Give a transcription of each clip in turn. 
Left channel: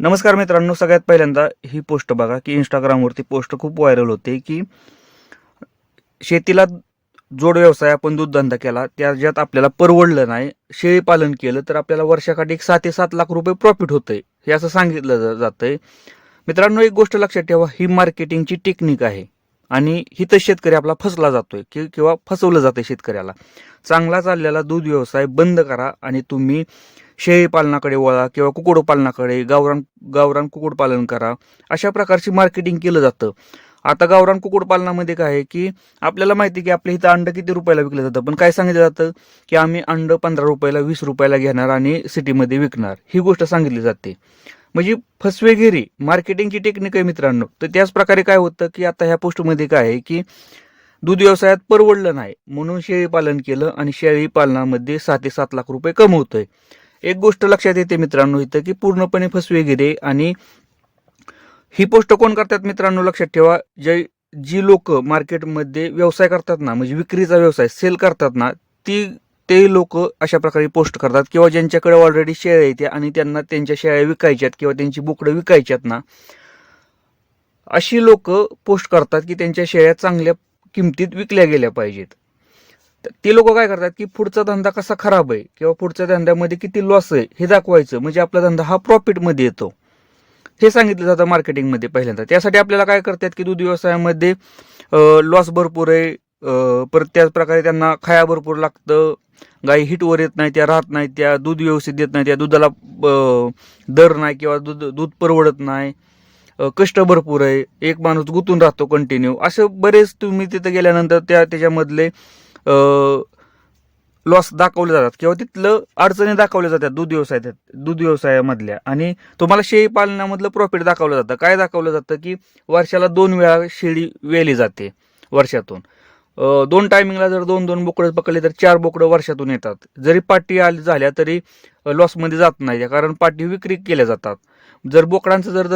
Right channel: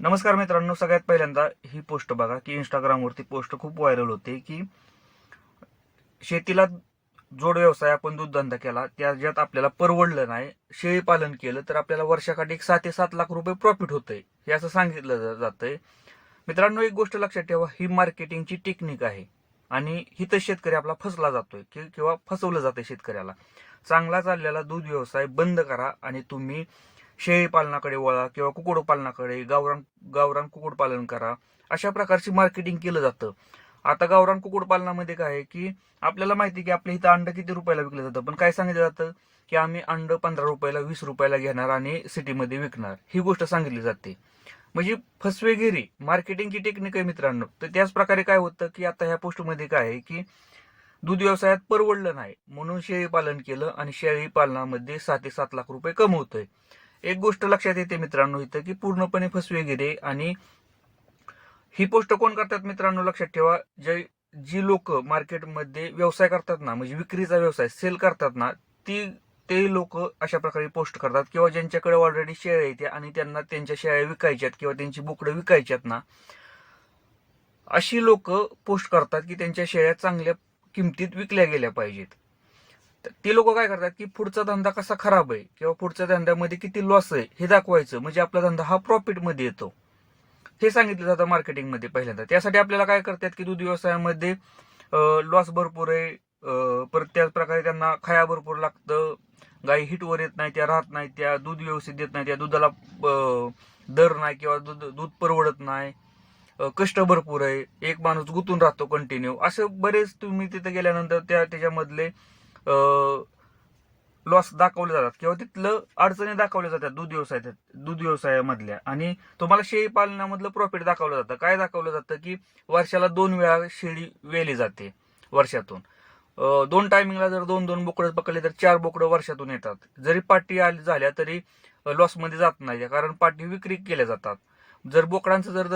नमस्कार मित्रांनो सगळ्यात पहिल्यांदा ही पोस्ट बघा की इंस्टाग्रामवरती पोस्ट खूप व्हायरल होते की शेतीला जोड व्यवसाय आपण दूधधंदा केला त्याच्यात आपल्याला परवडलं नाही शेळी पालन केलं तर आपल्याला वर्षाकाठी एक सात ते सात लाख रुपये प्रॉफिट होतंय हे असं सांगितलं जातंय. मित्रांनो एक गोष्ट लक्षात ठेवा ही मार्केटिंगची टेक्निक आहे आणि हिथं शेतकरी आपला फसला जातोय कि किंवा फसवलं जातंय शेतकऱ्याला. चांगला चाललेला दूध व्यवसाय बंद करा आणि तुम्ही शेळी पालनाकडे वळा किंवा कुक्कुटपालनाकडे गावरान गावरान कुक्कुटपालन करा. अशा प्रकारची मार्केटिंग केलं जातं. आता गावरान कुक्कुटपालनामध्ये काय आहे की आपल्याला माहिती आहे की आपल्या इथं अंड किती रुपयाला विकलं जातं. पण काय सांगितलं जातं की आम्ही अंड पंधरा रुपयाला वीस रुपयाला घेणार आणि सिटीमध्ये विकणार. ही गोष्ट सांगितली जाते. म्हणजे फसवेगिरी मार्केटिंगची टेक्निक आहे मित्रांनो. तर त्याच प्रकारे काय होतं की आता ह्या पोस्टमध्ये काय आहे की दूध व्यवसायात परवडलं नाही. म्हणून शेळी पालन केलं आणि शेळी पालनामध्ये सात ते सात लाख रुपये कमवतोय. एक गोष्ट लक्षात येते मित्रांनो इथं की पूर्णपणे फसवेगिरी आणि ही पोस्ट कोण करतात मित्रांनो? लक्षात ठेवा जे जी लोक मार्केटमध्ये व्यवसाय करतात ना म्हणजे विक्रीचा व्यवसाय सेल करतात ना ती ते लोक अशा प्रकारे पोस्ट करतात. किंवा ज्यांच्याकडे ऑलरेडी शेळ्या येते आणि त्यांना त्यांच्या शेळ्या विकायच्यात किंवा त्यांची बोकडं विकायच्यात ना अशी लोक पोस्ट करतात की त्यांच्या शेळ्या चांगल्या किमतीत विकल्या गेल्या पाहिजेत. ते लोक काय करतात की पुढचा धंदा कसा खराब आहे किंवा पुढच्या धंद्यामध्ये किती लॉस आहे हे दाखवायचं. म्हणजे आपला धंदा हा प्रॉफिटमध्ये येतो. हे सांगितलं जातं मार्केटिंगमध्ये पहिल्यांदा. त्यासाठी आपल्याला काय करतात की दूध व्यवसायामध्ये लॉस भरपूर आहे. परत त्याच प्रकारे त्यांना खाया भरपूर लागतं. गाई हिटवर येत नाही त्या राहत नाही त्या दूध व्यवस्थित देत नाही त्या दुधाला दर नाही किंवा दूध दूध परवडत नाही. कष्ट भरपूर आहे. एक माणूस गुंतून राहतो कंटिन्यू असे बरेच तुम्ही तिथं गेल्यानंतर त्या त्याच्यामधले लॉस दाखवले जातात. किंवा तिथलं अडचणी दाखवल्या जातात दूध व्यवसायात दूध व्यवसायामधल्या आणि तुम्हाला शेळी पालनामधलं प्रॉफिट दाखवलं जातं. काय दाखवलं जातं की वर्षाला दोन वेळा शेळी वेली जाते वर्षातून. दोन टायमिंगला जर दोन दोन बोकडं पकडले तर चार बोकडं वर्षातून येतात. जरी पाटी आली झाल्या तरी लॉसमध्ये जात नाही. कारण पाटी विक्री केल्या जातात. जर बोकडांचा जर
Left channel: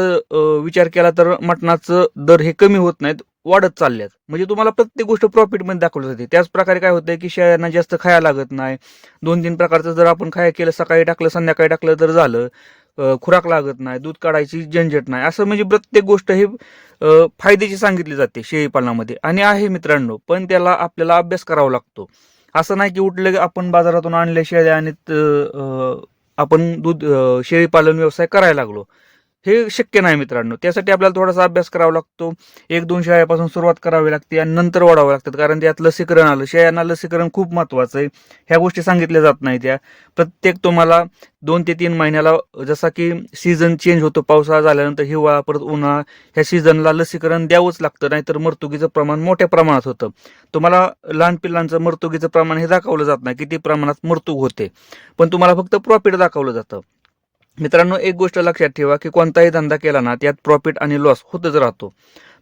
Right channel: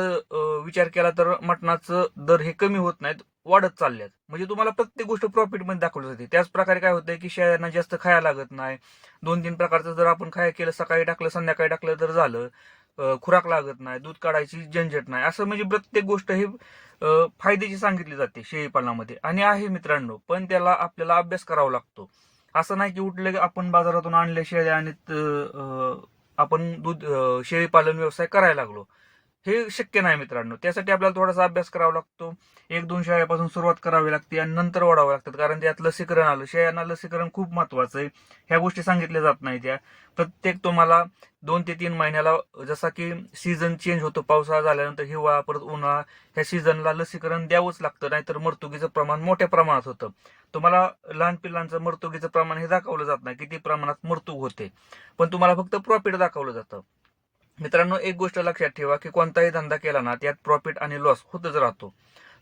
विचार केला तर मटणाचं दर हे कमी होत नाहीत वाढत चालल्यात. म्हणजे तुम्हाला प्रत्येक गोष्ट प्रॉफिटमध्ये दाखवली जाते. त्याच प्रकारे काय होतंय की शेळ्यांना जास्त खायला लागत नाही. दोन तीन प्रकारचं जर आपण खाया केलं सकाळी टाकलं संध्याकाळी टाकलं तर झालं. खुराक लागत नाही दूध काढायची झंझट नाही. असं म्हणजे प्रत्येक गोष्ट ही फायद्याची सांगितली जाते शेळी पालनामध्ये आणि आहे मित्रांनो पण त्याला आपल्याला अभ्यास करावा लागतो. असं नाही की उठलं की आपण बाजारातून आणल्या शेळ्या आणि त- आपण दूध शेळी पालन व्यवसाय करायला लागलो. हे शक्य नाही मित्रांनो. त्यासाठी आपल्याला थोडासा अभ्यास करावा लागतो. एक दोन शाळेपासून सुरुवात करावी लागते आणि नंतर वाढावं लागतात कारण त्यात लसीकरण आलं. शेळ्यांना लसीकरण खूप महत्वाचं आहे. ह्या गोष्टी सांगितल्या जात नाही त्या. प्रत्येक तुम्हाला दोन ते तीन महिन्याला जसा की सीझन चेंज होतो पावसाळा झाल्यानंतर हिवाळा परत उन्हाळा ह्या सीझनला लसीकरण द्यावंच लागतं. नाहीतर मर्तुगीचं प्रमाण मोठ्या प्रमाणात होतं. तुम्हाला लहान पिल्लांचं मर्तुगीचं प्रमाण हे दाखवलं जात नाही. किती प्रमाणात मर्तुक होते. पण तुम्हाला फक्त प्रॉफिट दाखवलं जातं. मित्रांनो एक गोष्ट लक्षात ठेवा की कोणताही धंदा केला ना त्यात प्रॉफिट आणि लॉस होतच राहतो.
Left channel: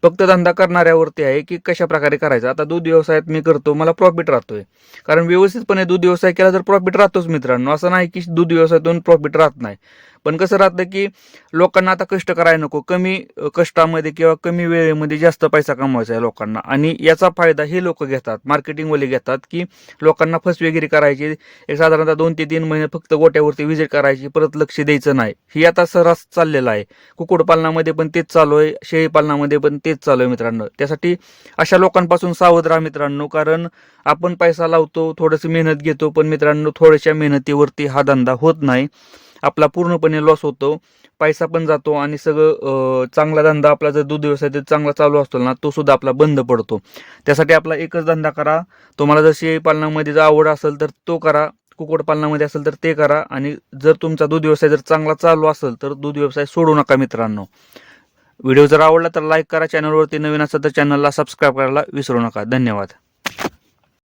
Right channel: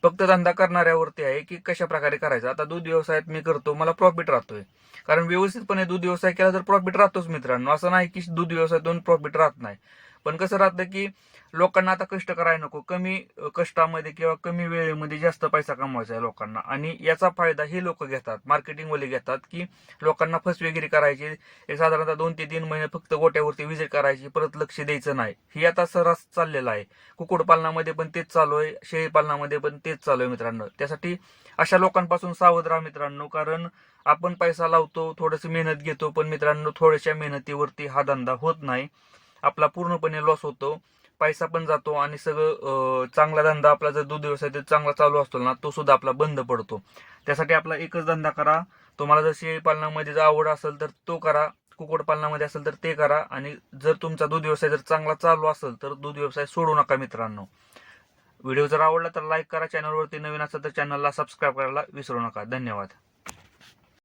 फक्त धंदा करणाऱ्यावरती आहे की कशा प्रकारे करायचा? आता दूध व्यवसायात मी करतो मला प्रॉफिट राहतोय. कारण व्यवस्थितपणे दूध व्यवसाय केला तर प्रॉफिट राहतोच मित्रांनो. असं नाही की दूध व्यवसायातून प्रॉफिट राहत नाही. पण कसं राहतं की लोकांना आता कष्ट करायला नको. कमी कष्टामध्ये किंवा कमी वेळेमध्ये जास्त पैसा कमवायचा आहे लोकांना. आणि याचा फायदा हे लोक घेतात मार्केटिंगवाले घेतात की लोकांना फसवेगिरी करायची. एक साधारणतः दोन ते तीन महिने फक्त गोट्यावरती व्हिजिट करायची परत लक्ष द्यायचं नाही. ही आता सर्रास चाललेलं आहे. कुक्कुटपालनामध्ये पण तेच चालू आहे शेळी पालनामध्ये पण तेच चालू आहे मित्रांनो. त्यासाठी अशा लोकांपासून सावध राहा मित्रांनो कारण आपण पैसा लावतो थोडंसं मेहनत घेतो पण मित्रांनो थोड्याशा मेहनतीवरती हा धंदा होत नाही. आपला पूर्णपणे लॉस होतो. पैसा पण जातो आणि सगळं चांगला धंदा आपला जर दूध व्यवसाय जर चांगला चालू असतो ना तो सुद्धा आपला बंद पडतो. त्यासाठी आपला एकच धंदा करा. तुम्हाला जर शेळी पालनामध्ये जर आवड असेल तर तो करा. कुक्कुटपालनामध्ये असेल तर ते करा. आणि जर तुमचा दूध व्यवसाय जर चांगला चालू असेल तर दूध व्यवसाय सोडू नका मित्रांनो. व्हिडिओ जर आवडला तर लाईक करा. चॅनलवरती नवीन असेल तर चॅनलला सबस्क्राईब करायला विसरू नका. धन्यवाद.